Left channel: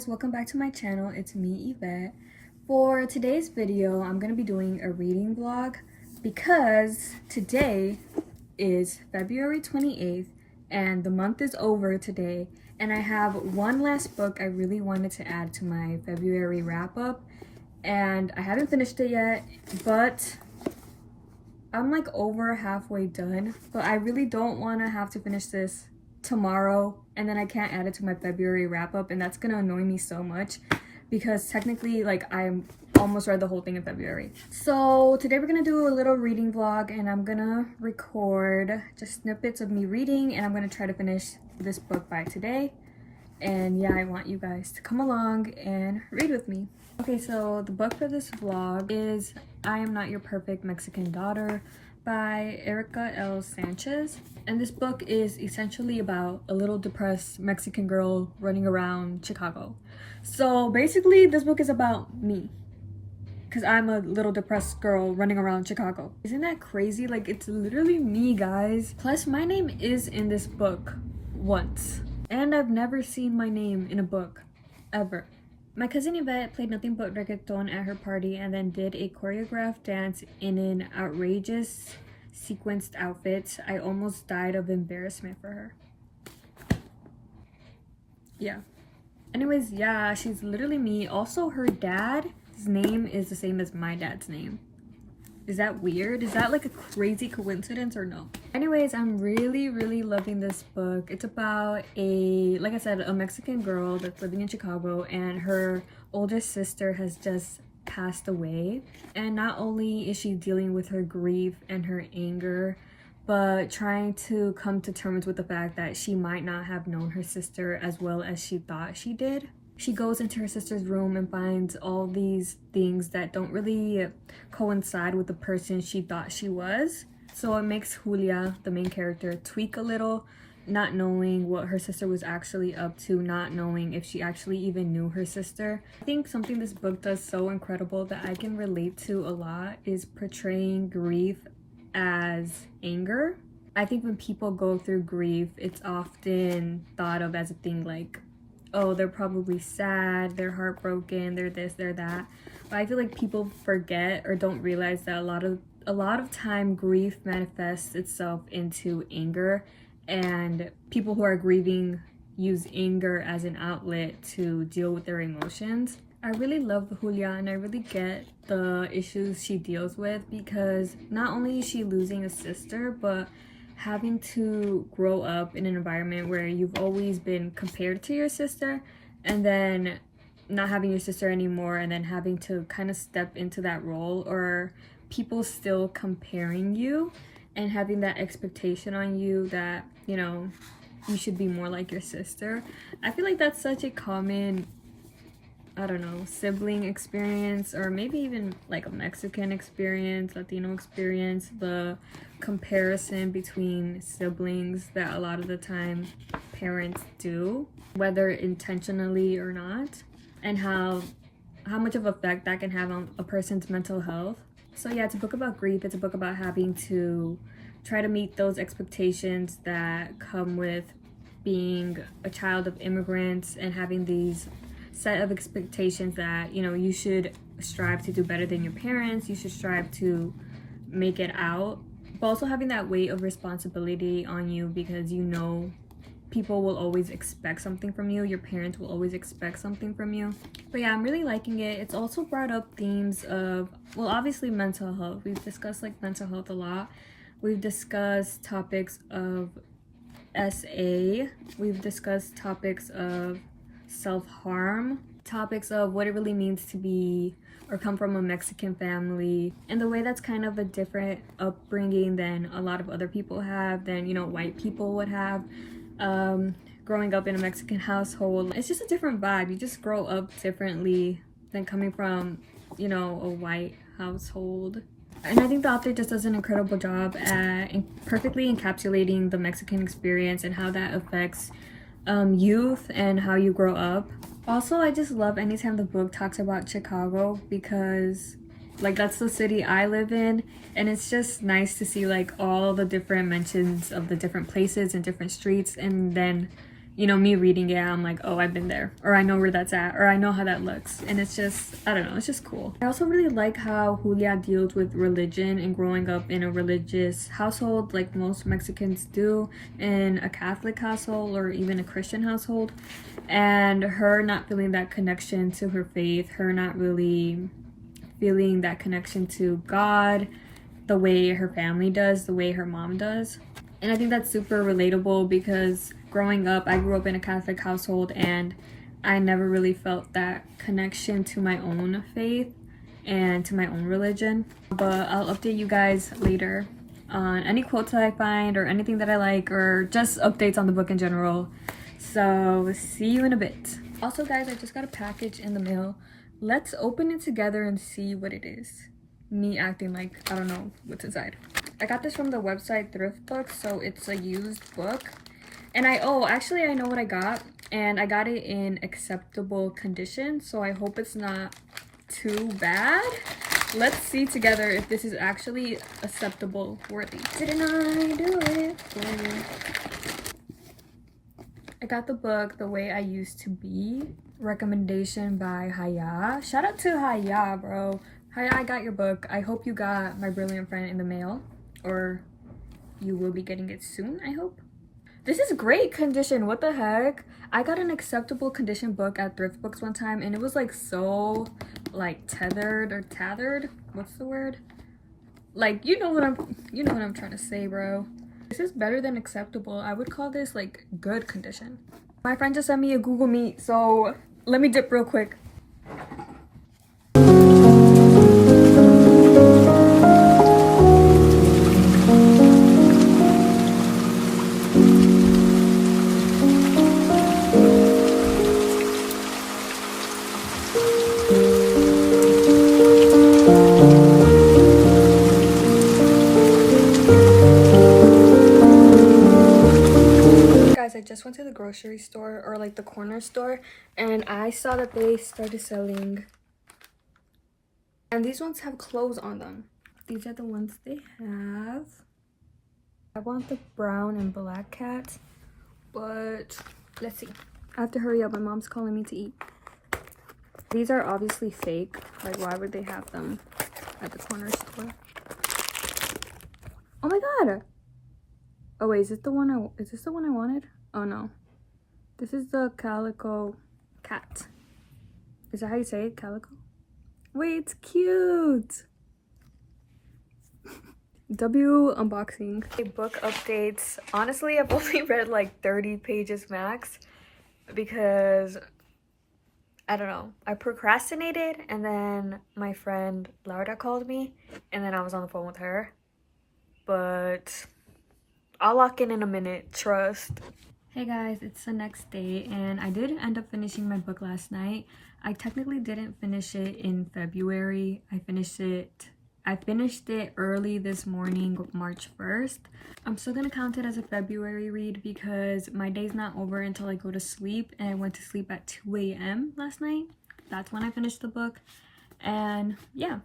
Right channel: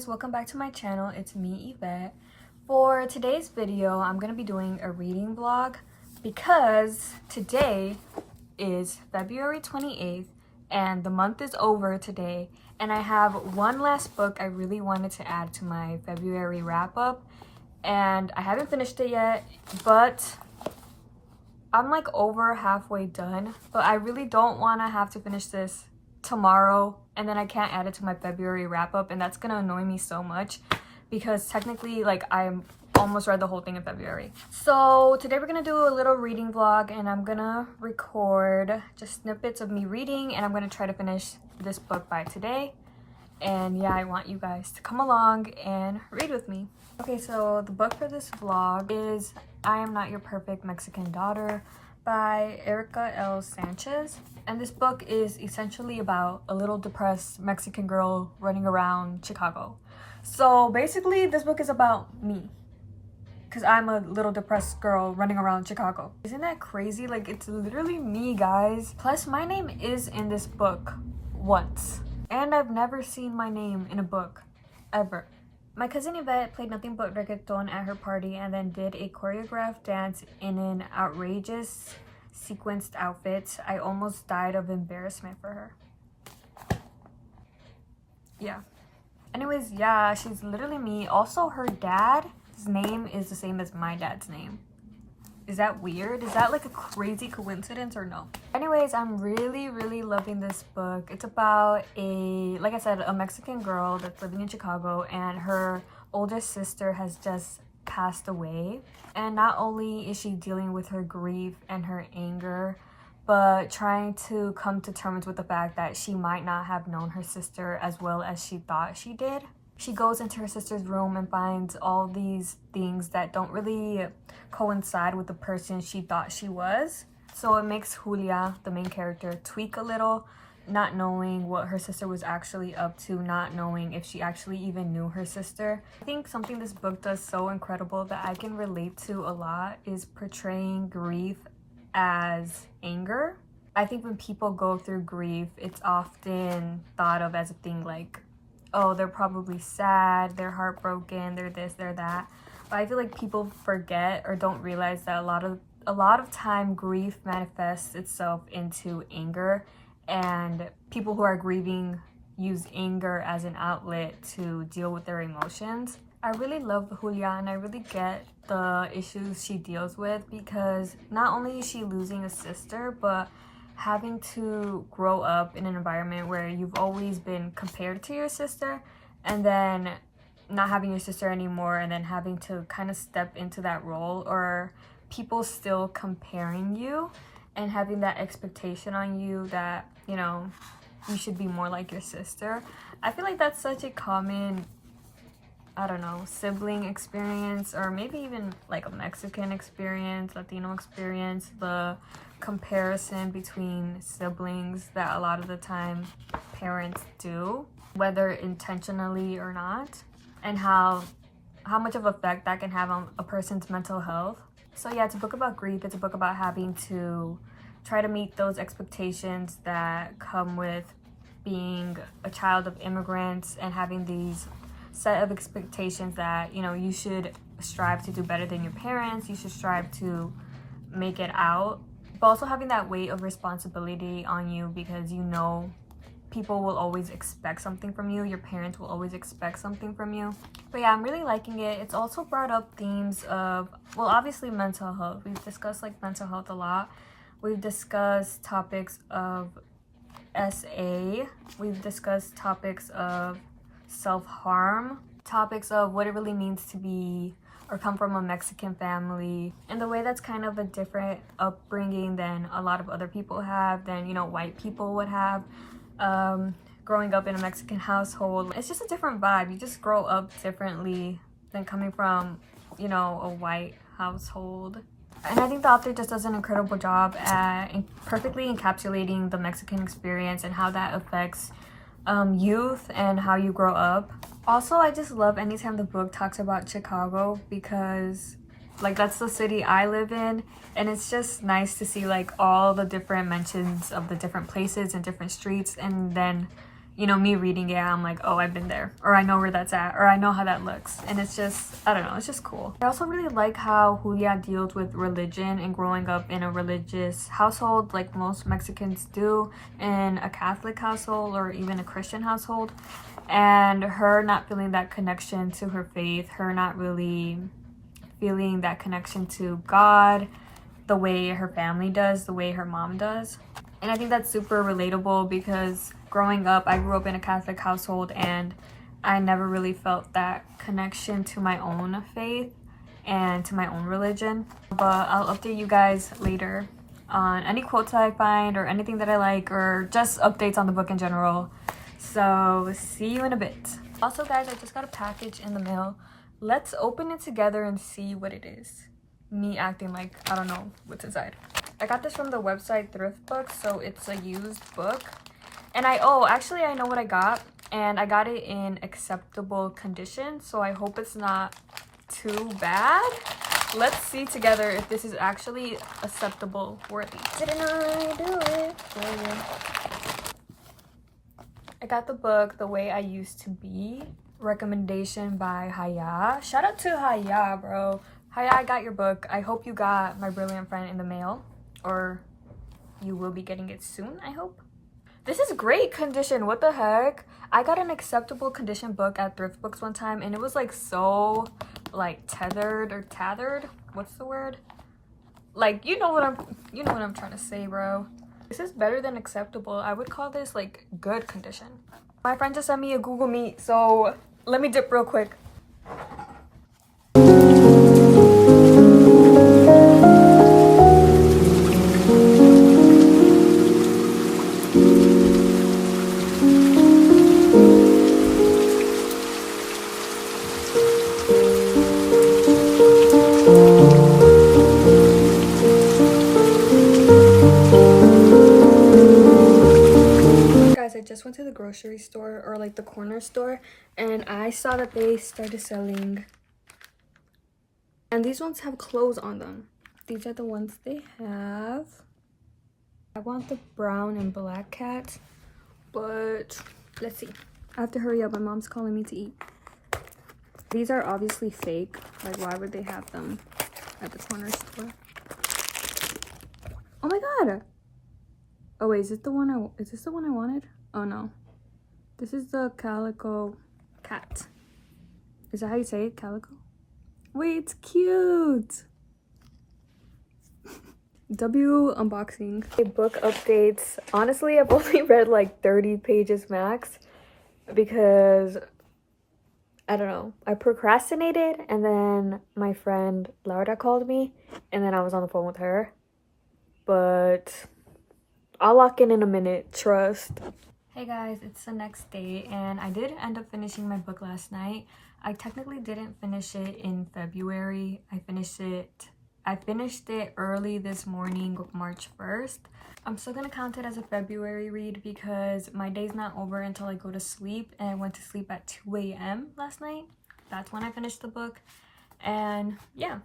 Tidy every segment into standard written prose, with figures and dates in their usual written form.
guys, welcome back to my channel. It's me, Yvette. For today's video, I'm gonna be doing a reading vlog because today is February 28th and the month is over today, and I have one last book I really wanted to add to my February wrap-up, and I haven't finished it yet, but I'm like over halfway done. But I really don't want to have to finish this tomorrow and then I can't add it to my February wrap-up, and that's gonna annoy me so much because technically like I'm almost read the whole thing in February. So today we're gonna do a little reading vlog, and I'm gonna record just snippets of me reading, and I'm gonna try to finish this book by today. And yeah, I want you guys to come along and read with me. Okay, so the book for this vlog is I Am Not Your Perfect Mexican Daughter by Erika L. Sanchez. And this book is essentially about a little depressed Mexican girl running around Chicago. So basically this book is about me, because I'm a little depressed girl running around Chicago. Isn't that crazy? Like, it's literally me, guys. Plus my name is in this book once, and I've never seen my name in a book ever. My cousin Yvette played nothing but reggaeton at her party and then did a choreographed dance in an outrageous sequenced outfit. I almost died of embarrassment for her. Yeah. Anyways, yeah, she's literally me. Also, her dad's name is the same as my dad's name. Is that weird? Is that like a crazy coincidence or no? Anyways, I'm really loving this book. It's about like I said, a Mexican girl that's living in Chicago, and her oldest sister has just passed away. And not only is she dealing with her grief and her anger, but trying to come to terms with the fact that she might not have known her sister as well as she thought she did. She goes into her sister's room and finds all these things that don't really coincide with the person she thought she was. So it makes Julia, the main character, tweak a little, not knowing what her sister was actually up to, not knowing if she actually even knew her sister. I think something this book does so incredible that I can relate to a lot is portraying grief as anger. I think when people go through grief, it's often thought of as a thing like, oh, they're probably sad, they're heartbroken, they're this, they're that. But I feel like people forget or don't realize that a lot of time grief manifests itself into anger, and people who are grieving use anger as an outlet to deal with their emotions. I really love Julia, and I really get the issues she deals with, because not only is she losing a sister, but having to grow up in an environment where you've always been compared to your sister, and then not having your sister anymore, and then having to kind of step into that role, or people still comparing you and having that expectation on you that, you know, you should be more like your sister. I feel like that's such a common, I don't know, sibling experience, or maybe even like a Mexican experience, Latino experience, the comparison between siblings that a lot of the time parents do, whether intentionally or not, and how much of effect that can have on a person's mental health. So yeah, it's a book about grief. It's a book about having to try to meet those expectations that come with being a child of immigrants, and having these set of expectations that, you know, you should strive to do better than your parents, you should strive to make it out, but also having that weight of responsibility on you, because you know people will always expect something from you, your parents will always expect something from you. But yeah, I'm really liking it. It's also brought up themes of, well, obviously mental health. We've discussed like mental health a lot. We've discussed topics of SA, we've discussed topics of self-harm, topics of what it really means to be or come from a Mexican family, and the way that's kind of a different upbringing than a lot of other people have, than, you know, white people would have. Growing up in a Mexican household, it's just a different vibe. You just grow up differently than coming from, you know, a white household. And I think the author just does an incredible job at perfectly encapsulating the Mexican experience and how that affects youth and how you grow up. Also, I just love anytime the book talks about Chicago, because like that's the city I live in, and it's just nice to see like all the different mentions of the different places and different streets, and then, you know, me reading it, I'm like, oh, I've been there, or I know where that's at, or I know how that looks. And it's just, I don't know, it's just cool. I also really like how Julia deals with religion and growing up in a religious household like most Mexicans do, in a Catholic household or even a Christian household, and her not feeling that connection to her faith, her not really feeling that connection to God the way her family does, the way her mom does. And I think that's super relatable because growing up, I grew up in a Catholic household and I never really felt that connection to my own faith and to my own religion. But I'll update you guys later on any quotes that I find or anything that I like, or just updates on the book in general. So see you in a bit. Also guys, I just got a package in the mail. Let's open it together and see what it is. Me acting like I don't know what's inside. I got this from the website Thrift Books, so it's a used book. And actually I know what I got, and I got it in acceptable condition, so I hope it's not too bad. Let's see together if this is actually acceptable worthy. Didn't I do it for you? I got the book The Way I Used to Be, recommendation by Haya. Shout out to Haya, bro. Haya, I got your book. I hope you got My Brilliant Friend in the mail, or you will be getting it soon, I hope. This is great condition. What the heck? I got an acceptable condition book at Thrift Books one time, and it was like so like tethered. What's the word? Like, you know what I'm trying to say, bro. This is better than acceptable. I would call this like good condition. My friend just sent me a Google Meet, so let me dip real quick. I just went to the grocery store, or like the corner store, and I saw that they started selling, and these ones have clothes on them. These are the ones they have. I want the brown and black cat, but let's see. I have to hurry up, my mom's calling me to eat. These are obviously fake. Like, why would they have them at the corner store? Oh my god! Oh wait, is this the one I wanted? Oh no. This is the Calico cat. Is that how you say it? Calico? Wait, it's cute! W unboxing. Okay, book updates. Honestly, I've only read like 30 pages max because, I don't know, I procrastinated, and then my friend Laura called me, and then I was on the phone with her. But I'll lock in a minute, trust. Hey guys, it's the next day, and I did end up finishing my book last night. I technically didn't finish it in February. I finished it early this morning, March 1st. I'm still gonna count it as a February read because my day's not over until I go to sleep, and I went to sleep at 2 a.m. last night. That's when I finished the book. And yeah,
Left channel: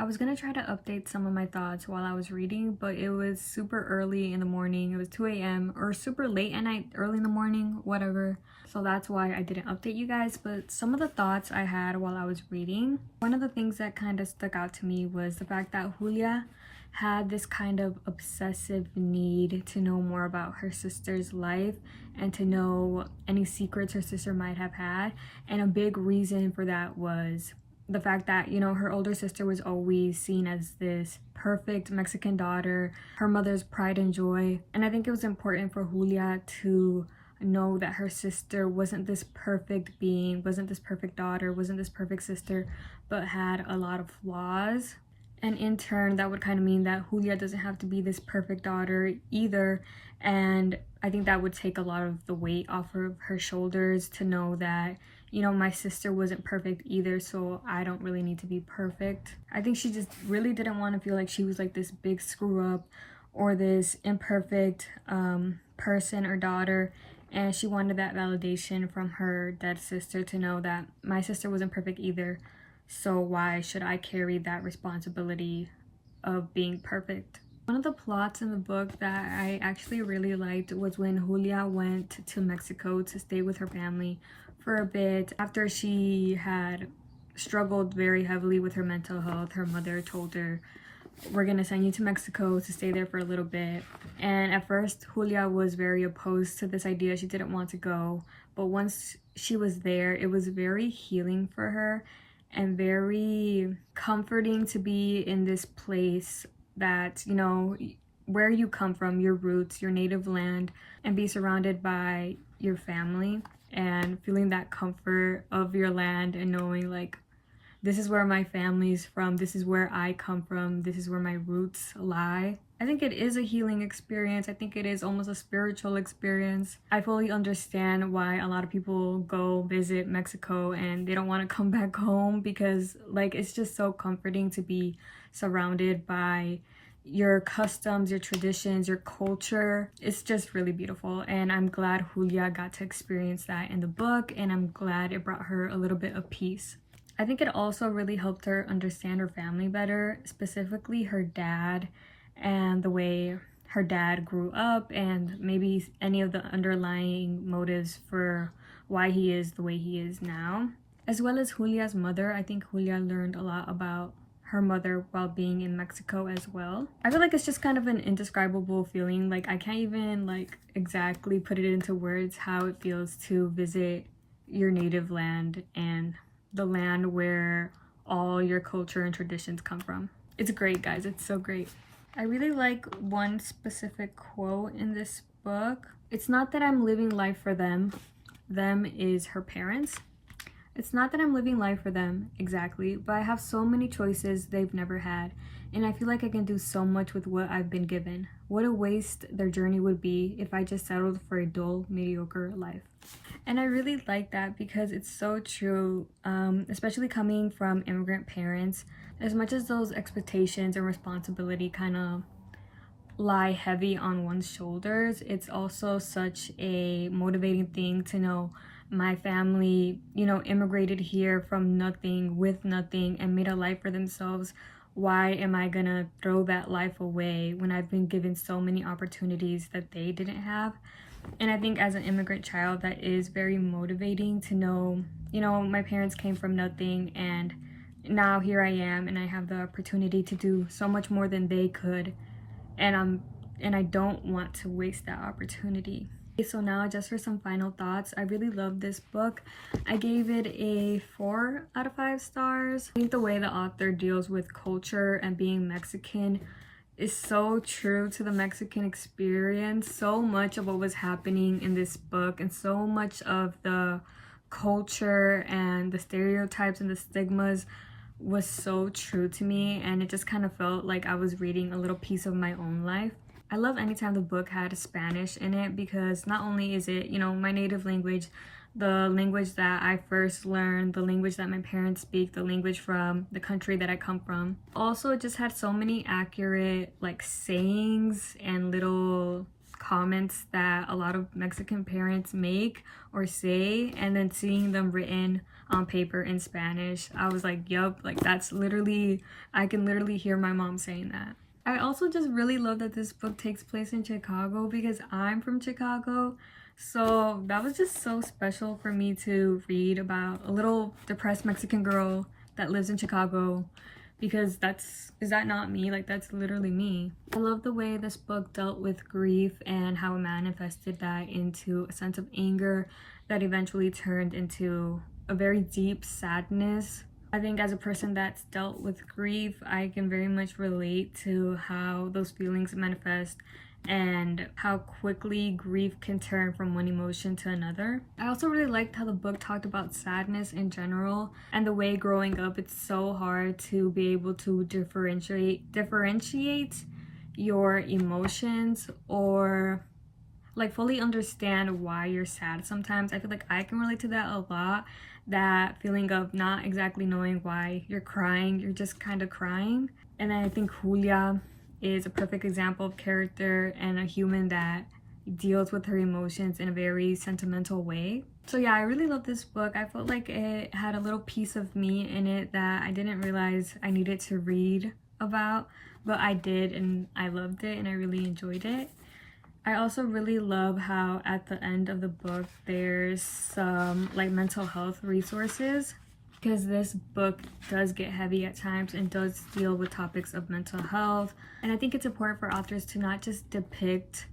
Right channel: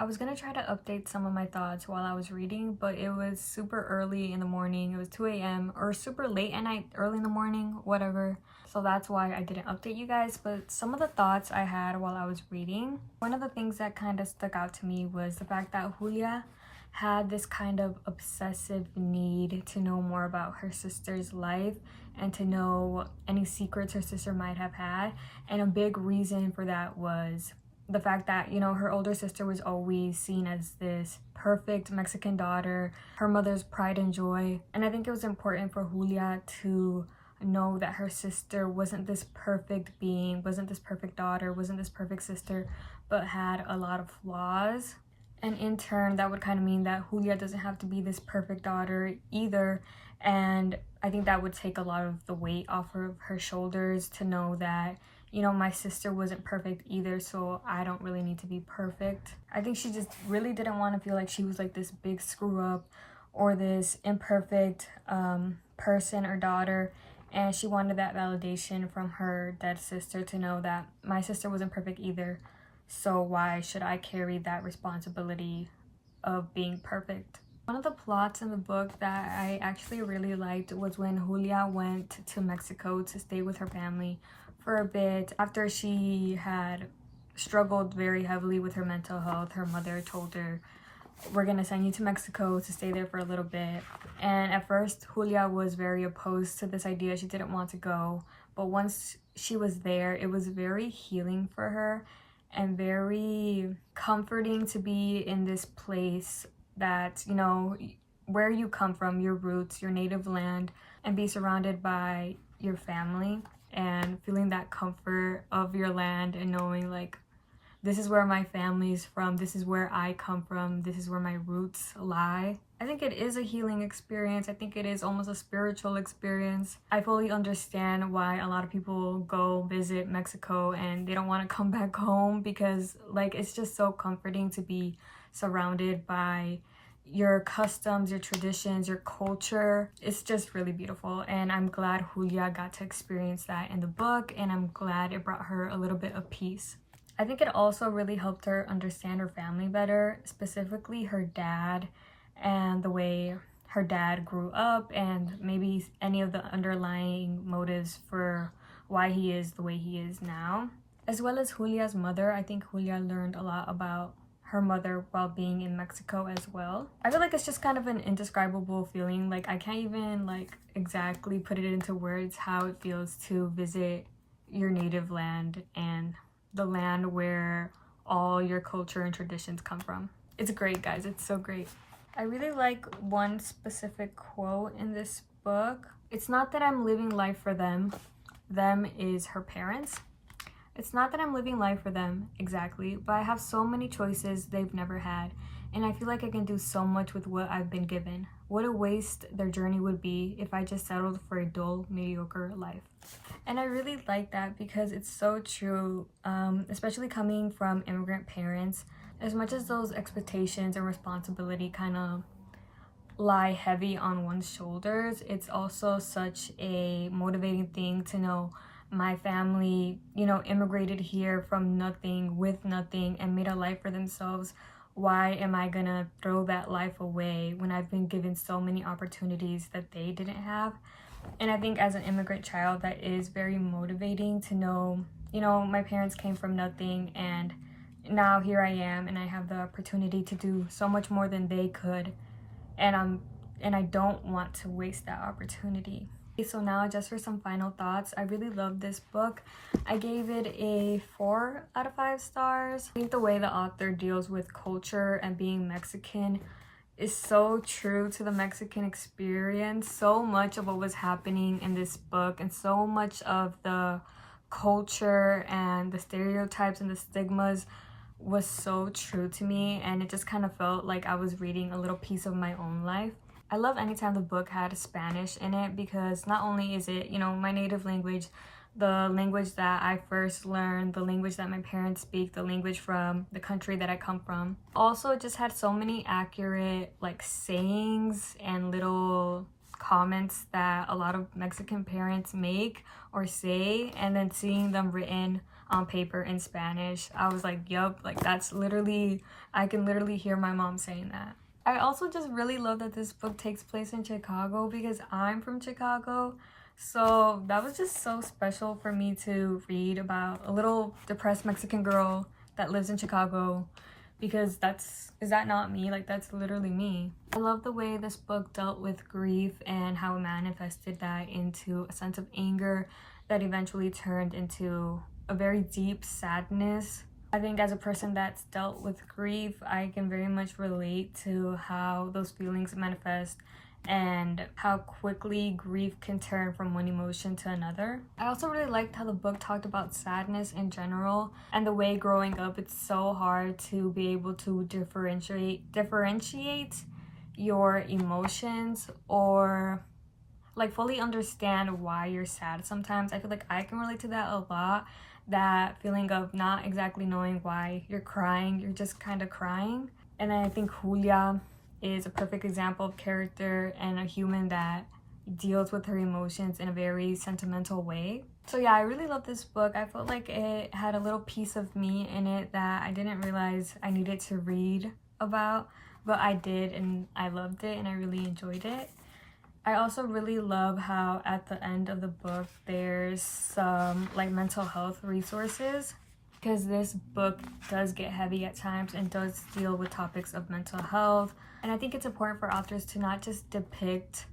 I was gonna try to update some of my thoughts while I was reading, but it was super early in the morning. It was 2 a.m. or super late at night, early in the morning, whatever. So that's why I didn't update you guys. But some of the thoughts I had while I was reading, one of the things that kind of stuck out to me was the fact that Julia had this kind of obsessive need to know more about her sister's life and to know any secrets her sister might have had. And a big reason for that was the fact that, you know, her older sister was always seen as this perfect Mexican daughter, her mother's pride and joy. And I think it was important for Julia to know that her sister wasn't this perfect being, wasn't this perfect daughter, wasn't this perfect sister, but had a lot of flaws. And in turn, that would kind of mean that Julia doesn't have to be this perfect daughter either. And I think that would take a lot of the weight off of her shoulders to know that, you know, my sister wasn't perfect either, so I don't really need to be perfect. I think she just really didn't want to feel like she was like this big screw up or this imperfect person or daughter, and she wanted that validation from her dead sister to know that my sister wasn't perfect either, so why should I carry that responsibility of being perfect? One of the plots in the book that I actually really liked was when Julia went to Mexico to stay with her family for a bit. After she had struggled very heavily with her mental health, her mother told her, "We're gonna send you to Mexico to stay there for a little bit." And at first, Julia was very opposed to this idea. She didn't want to go. But once she was there, it was very healing for her and very comforting to be in this place that, you know, where you come from, your roots, your native land, and be surrounded by your family and feeling that comfort of your land and knowing like, this is where my family's from, this is where I come from, this is where my roots lie. I think it is a healing experience. I think it is almost a spiritual experience. I fully understand why a lot of people go visit Mexico and they don't want to come back home, because like it's just so comforting to be surrounded by your customs, your traditions, your culture. It's just really beautiful, and I'm glad Julia got to experience that in the book, and I'm glad it brought her a little bit of peace. I think it also really helped her understand her family better, specifically her dad and the way her dad grew up, and maybe any of the underlying motives for why he is the way he is now. As well as Julia's mother, I think Julia learned a lot about her mother while being in Mexico as well. I feel like it's just kind of an indescribable feeling. Like I can't even like exactly put it into words how it feels to visit your native land and the land where all your culture and traditions come from. It's great, guys. It's so great. I really like one specific quote in this book. "It's not that I'm living life for them. Them is her parents. It's not that I'm living life for them, exactly, but I have so many choices they've never had, and I feel like I can do so much with what I've been given. What a waste their journey would be if I just settled for a dull, mediocre life." And I really like that because it's so true, especially coming from immigrant parents. As much as those expectations and responsibility kind of lie heavy on one's shoulders, it's also such a motivating thing to know my family, you know, immigrated here from nothing, with nothing, and made a life for themselves. Why am I gonna throw that life away when I've been given so many opportunities that they didn't have? And I think as an immigrant child, that is very motivating to know, you know, my parents came from nothing and now here I am and I have the opportunity to do so much more than they could, and I don't want to waste that opportunity. So now just for some final thoughts, I really love this book. I gave it a 4 out of 5 stars. I think the way the author deals with culture and being Mexican is so true to the Mexican experience. So much of what was happening in this book and so much of the culture and the stereotypes and the stigmas was so true to me, and it just kind of felt like I was reading a little piece of my own life. I love anytime the book had Spanish in it, because not only is it, you know, my native language, the language that I first learned, the language that my parents speak, the language from the country that I come from. Also, it just had so many accurate like sayings and little comments that a lot of Mexican parents make or say, and then seeing them written on paper in Spanish, I was like, yup, like that's literally, I can literally hear my mom saying that. I also just really love that this book takes place in Chicago because I'm from Chicago. So that was just so special for me to read about a little depressed Mexican girl that lives in Chicago, because is that not me? Like that's literally me. I love the way this book dealt with grief and how it manifested that into a sense of anger that eventually turned into a very deep sadness. I think as a person that's dealt with grief, I can very much relate to how those feelings manifest and how quickly grief can turn from one emotion to another. I also really liked how the book talked about sadness in general, and the way growing up it's so hard to be able to differentiate your emotions or like fully understand why you're sad sometimes. I feel like I can relate to that a lot, that feeling of not exactly knowing why you're crying, you're just kind of crying. And then I think Julia is a perfect example of character and a human that deals with her emotions in a very sentimental way. So yeah, I really love this book. I felt like it had a little piece of me in it that I didn't realize I needed to read about, but I did, and I loved it and I really enjoyed it. I also really love how at the end of the book there's some like mental health resources, because this book does get heavy at times and does deal with topics of mental health. And I think it's important for authors to not just depict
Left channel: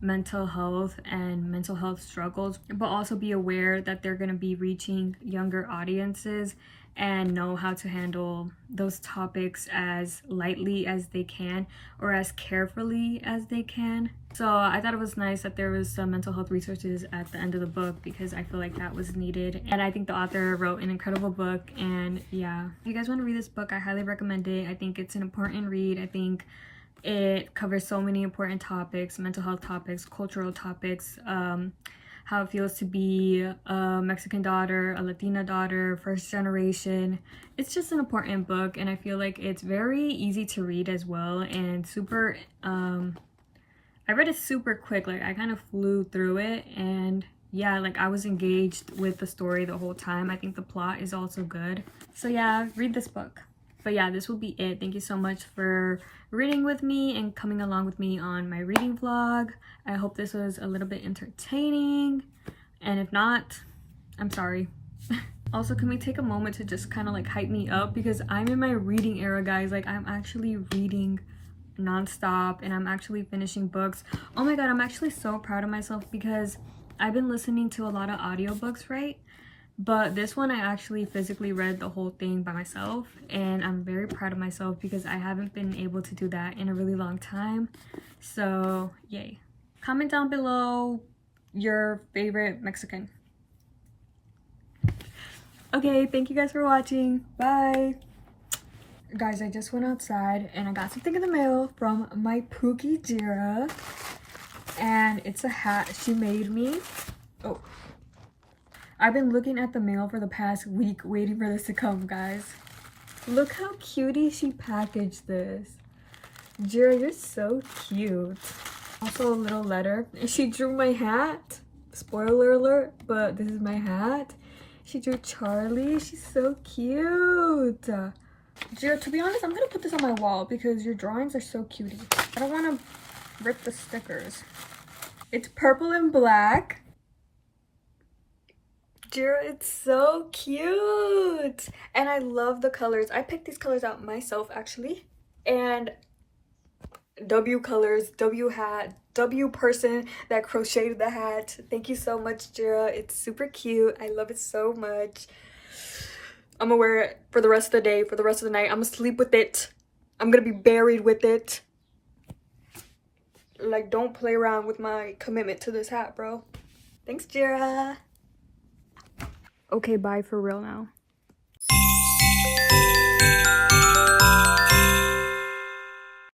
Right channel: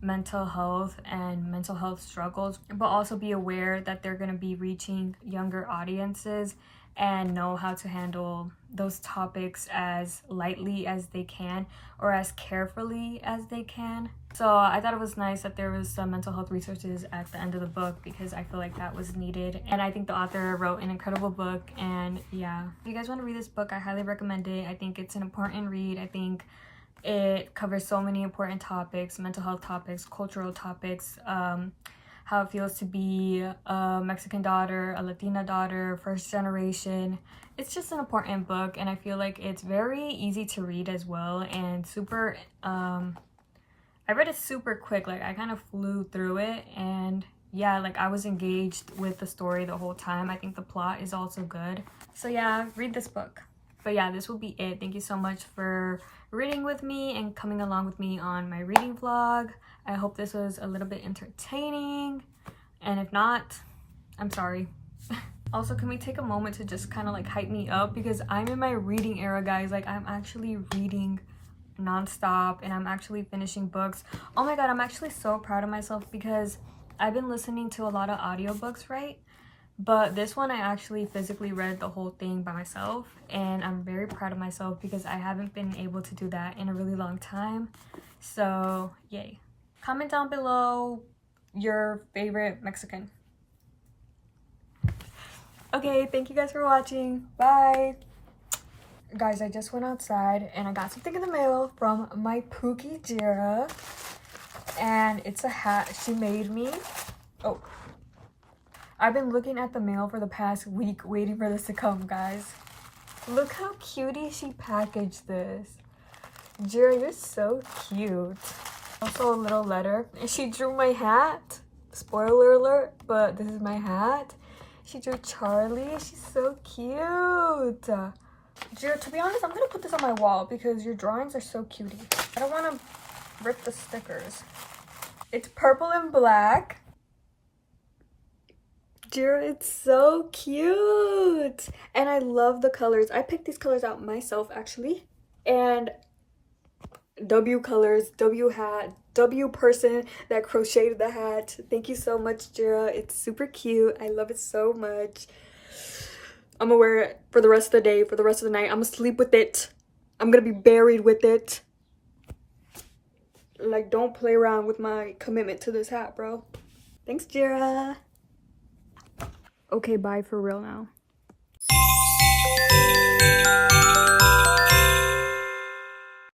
mental health and mental health struggles, but also be aware that they're going to be reaching younger audiences and know how to handle those topics as lightly as they can or as carefully as they can. So I thought it was nice that there was some mental health resources at the end of the book, because I feel like that was needed. And I think the author wrote an incredible book. And yeah, if you guys want to read this book, I highly recommend it. I think it's an important read. I think it covers so many important topics, mental health topics, cultural topics, how it feels to be a Mexican daughter, a Latina daughter, first generation. It's just an important book, and I feel like it's very easy to read as well, and super, I read it super quick. Like, I kind of flew through it, and yeah, like I was engaged with the story the whole time. I think the plot is also good. So yeah, read this book. But yeah, this will be it. Thank you so much for reading with me and coming along with me on my reading vlog. I hope this was a little bit entertaining, and if not, I'm sorry. Also, can we take a moment to just kind of like hype me up, because I'm in my reading era, guys. Like, I'm actually reading nonstop and I'm actually finishing books. Oh my god, I'm actually so proud of myself, because I've been listening to a lot of audiobooks, right? But this one I actually physically read the whole thing by myself, and I'm very proud of myself because I haven't been able to do that in a really long time. So yay. Comment down below your favorite Mexican. Okay, thank you guys for watching. Bye. Guys, I just went outside and I got something in the mail from my Pookie Jira, and it's a hat she made me. Oh, I've been looking at the mail for the past week waiting for this to come, guys. Look how cutie she packaged this. Jira, you're so cute. Also a little letter. She drew my hat. Spoiler alert, but this is my hat. She drew Charlie. She's so cute. Jira, to be honest, I'm gonna put this on my wall because your drawings are so cutie. I don't want to rip the stickers. It's purple and black. Jira, it's so cute, and I love the colors. I picked these colors out myself, actually. And W colors, W hat, W person that crocheted the hat. Thank you so much, Jira. It's super cute. I love it so much. I'm gonna wear it for the rest of the day, for the rest of the night. I'm gonna sleep with it. I'm gonna be buried with it. Like, don't play around with my commitment to this hat, bro. Thanks, Jira. Okay, bye for real now.